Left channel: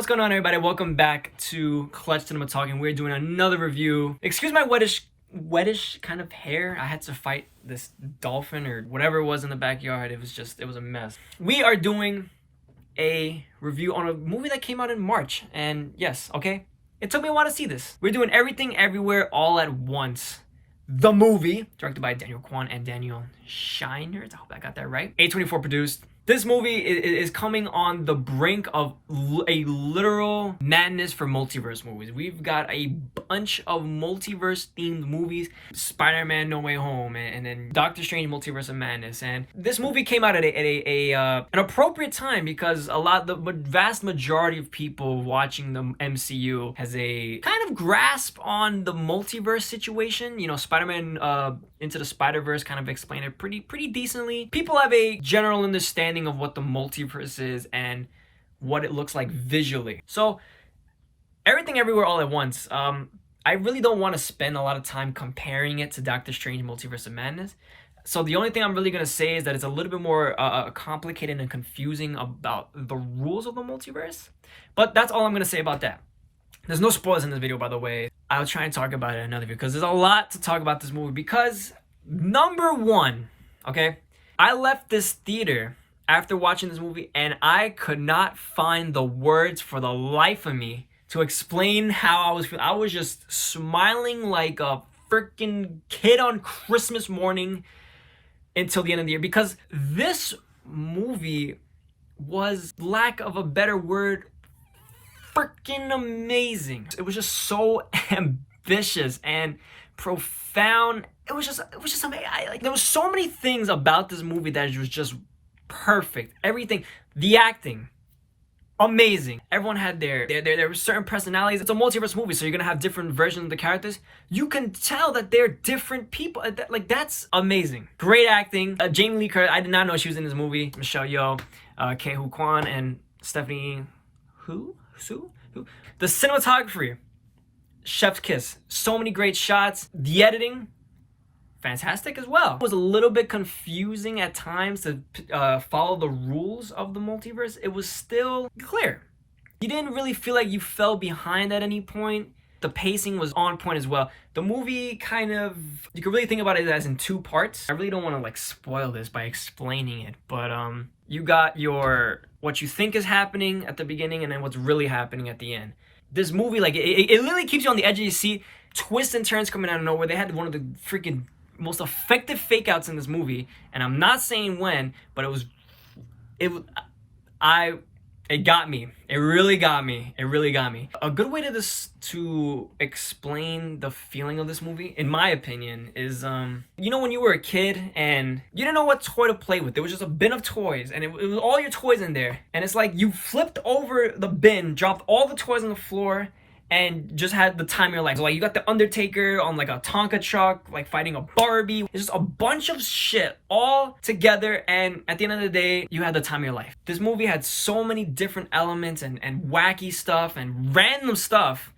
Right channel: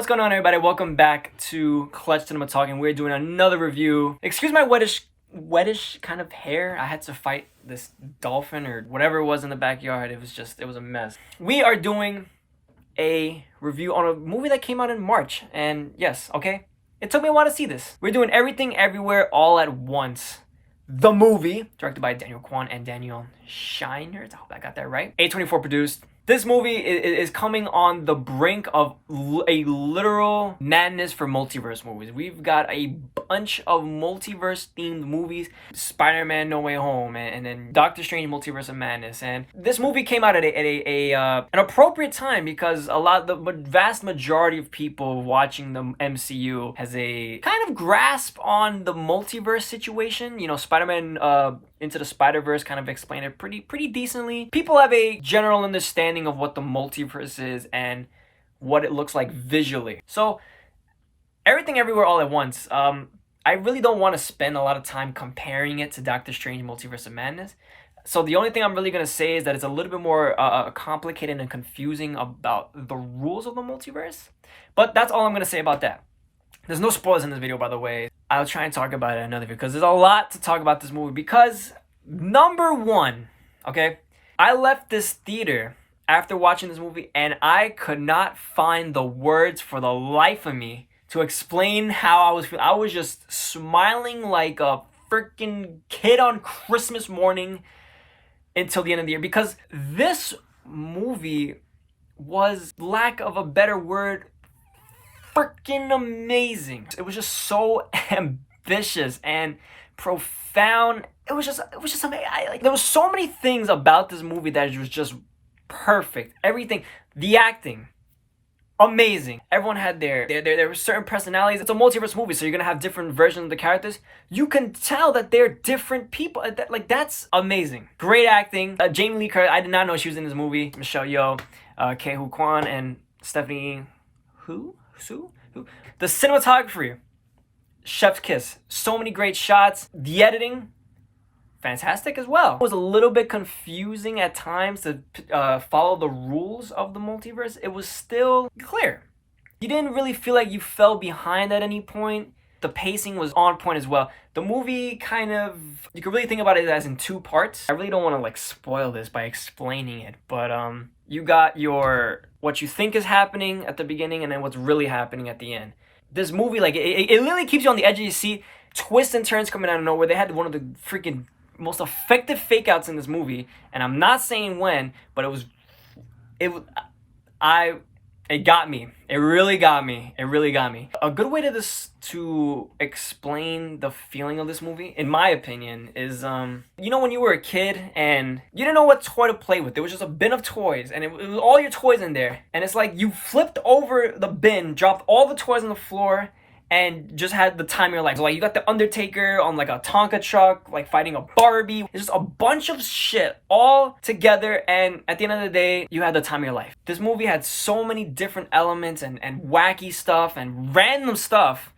What's going on, everybody? Welcome back to Clutch Cinema Talk, and we're doing another review. Excuse my wettish kind of hair. I had to fight this dolphin or whatever it was in the backyard. It was a mess. We are doing a review on a movie that came out in March, and yes, okay, it took me a while to see this. We're doing Everything Everywhere All at Once. The movie, directed by Daniel Kwan and Daniel Scheinert. I hope I got that right. A24 produced. This movie is coming on the brink of a literal madness for multiverse movies. We've got a bunch of multiverse-themed movies. Spider-Man No Way Home, and then Doctor Strange Multiverse of Madness. And this movie came out at an appropriate time because the vast majority of people watching the MCU has a kind of grasp on the multiverse situation. You know, Spider-Man Into the Spider-Verse kind of explained it pretty decently. People have a general understanding of what the multiverse is and what it looks like visually. So Everything Everywhere All at Once, I really don't want to spend a lot of time comparing it to Doctor Strange Multiverse of Madness. So the only thing I'm really going to say is that it's a little bit more complicated and confusing about the rules of the multiverse. But that's all I'm going to say about that. There's no spoilers in this video, by the way. I'll try and talk about it in another video because there's a lot to talk about this movie. Because, number one, okay, I left this theater after watching this movie and I could not find the words for the life of me to explain how I was feeling. I was just smiling like a freaking kid on Christmas morning until the end of the year, because this movie was, lack of a better word, freaking amazing. It was just so ambitious and profound. It was just amazing. There was so many things about this movie that was just perfect. Everything, the acting, amazing. Everyone had there were certain personalities. It's a multiverse movie, so you're gonna have different versions of the characters. You can tell that they're different people. That's amazing. Great acting. Jamie Lee Curtis, I did not know she was in this movie. Michelle Yeoh, Ke-Huy Quan, and Stephanie Who? The cinematography, chef's kiss. So many great shots. The editing, fantastic as well. It was a little bit confusing at times to follow the rules of the multiverse. It was still clear. You didn't really feel like you fell behind at any point. The pacing was on point as well. The movie kind of, you could really think about it as in two parts. I really don't want to like spoil this by explaining it, but you got your what you think is happening at the beginning and then what's really happening at the end. This movie, like, it literally keeps you on the edge of your seat. Twists and turns coming out of nowhere. They had one of the freaking most effective fake outs in this movie, and I'm not saying when, but it got me. It really got me. A good way to explain the feeling of this movie, in my opinion, is you know, when you were a kid and you didn't know what toy to play with. There was just a bin of toys, and it was all your toys in there, and it's like you flipped over the bin, dropped all the toys on the floor, and just had the time of your life. So like you got the Undertaker on like a Tonka truck, like fighting a Barbie. It's just a bunch of shit all together, and at the end of the day, you had the time of your life. This movie had so many different elements and wacky stuff and random stuff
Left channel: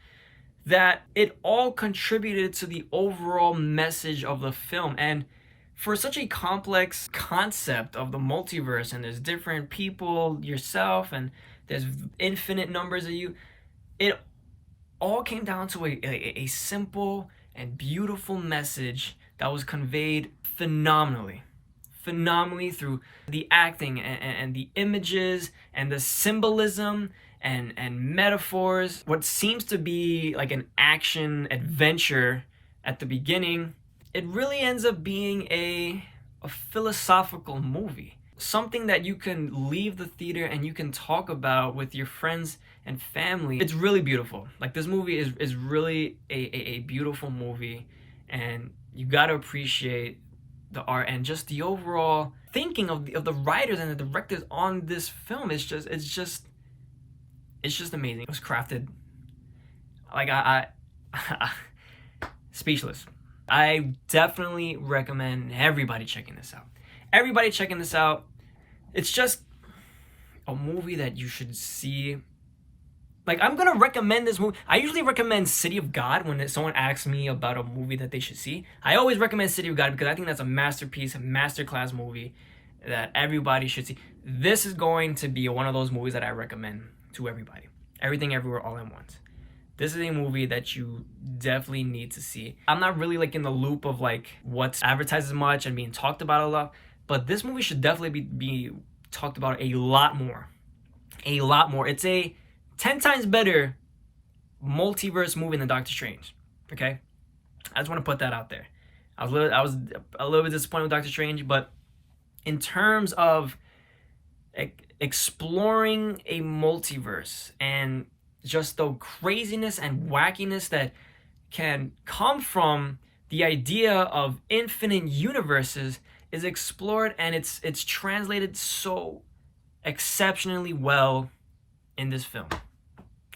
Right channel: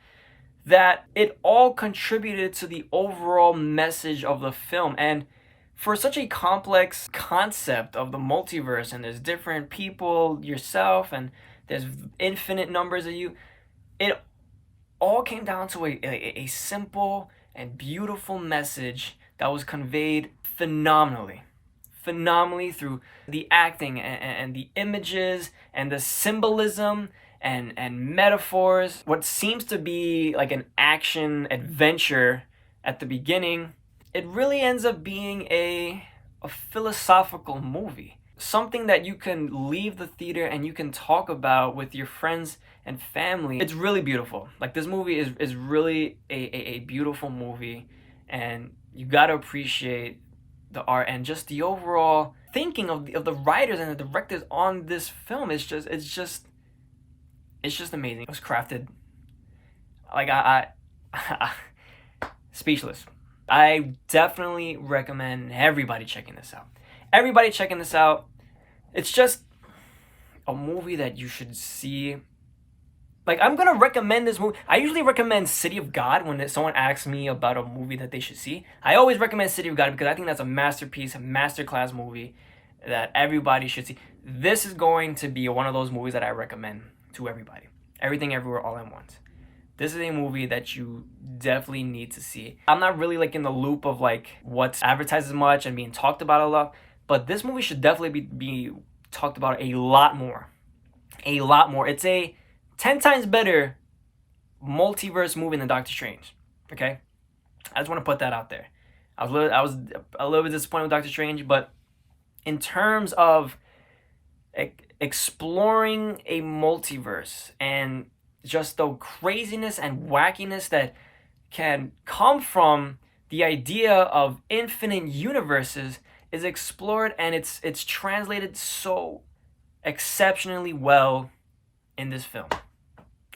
that it all contributed to the overall message of the film. And for such a complex concept of the multiverse, and there's different people, yourself, and there's infinite numbers of you, it all came down to a simple and beautiful message that was conveyed phenomenally through the acting and the images and the symbolism and metaphors. What seems to be like an action adventure at the beginning, it really ends up being a philosophical movie. Something that you can leave the theater and you can talk about with your friends and family. It's really beautiful. Like, this movie is really a beautiful movie, and you gotta appreciate the art and just the overall thinking of the writers and the directors on this film. It's just amazing. It was crafted like I speechless. I definitely recommend everybody checking this out. It's just a movie that you should see. Like, I'm gonna recommend this movie. I usually recommend City of God when someone asks me about a movie that they should see. I always recommend City of God because I think that's a masterpiece, a masterclass movie that everybody should see. This is going to be one of those movies that I recommend to everybody. Everything Everywhere All at Once. This is a movie that you definitely need to see. I'm not really like in the loop of like what's advertised as much and being talked about a lot, but this movie should definitely be talked about a lot more. A lot more. It's a 10 times better multiverse movie than Doctor Strange. Okay? I just want to put that out there. I was a little bit disappointed with Doctor Strange, but in terms of exploring a multiverse and just the craziness and wackiness that can come from the idea of infinite universes is explored, and it's translated so exceptionally well in this film.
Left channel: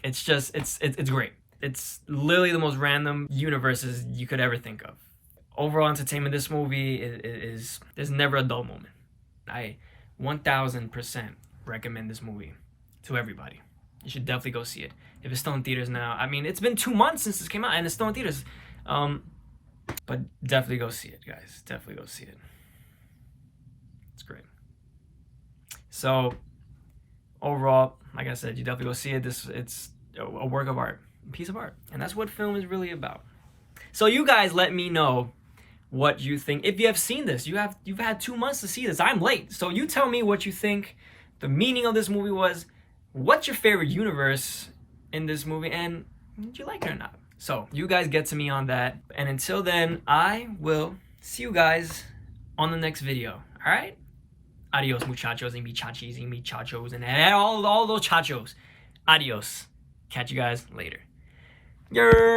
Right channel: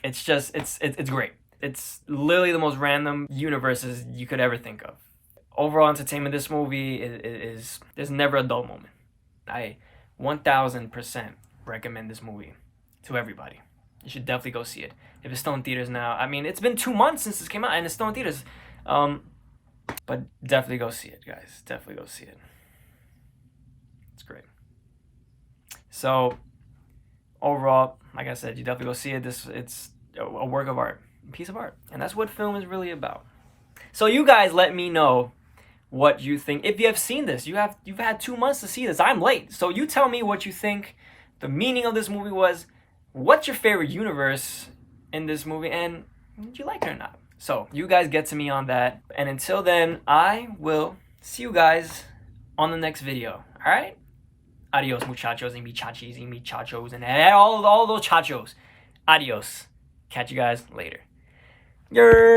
It's just it's great. It's literally the most random universes you could ever think of. Overall entertainment, this movie is there's never a dull moment. I 1000% recommend this movie to everybody. You should definitely go see it. If it's still in theaters now, I mean, it's been 2 months since this came out and it's still in theaters. But definitely go see it, guys. Definitely go see it. It's great. So overall, like I said, you definitely go see it. It's a work of art, a piece of art, and that's what film is really about. So you guys let me know what you think. If you have seen this, you've had 2 months to see this. I'm late, so you tell me what you think the meaning of this movie was. What's your favorite universe in this movie, and did you like it or not? So you guys get to me on that, and until then, I will see you guys on the next video. All right? Adios, muchachos and muchachis and muchachos and all those chachos. Adios. Catch you guys later. Yer.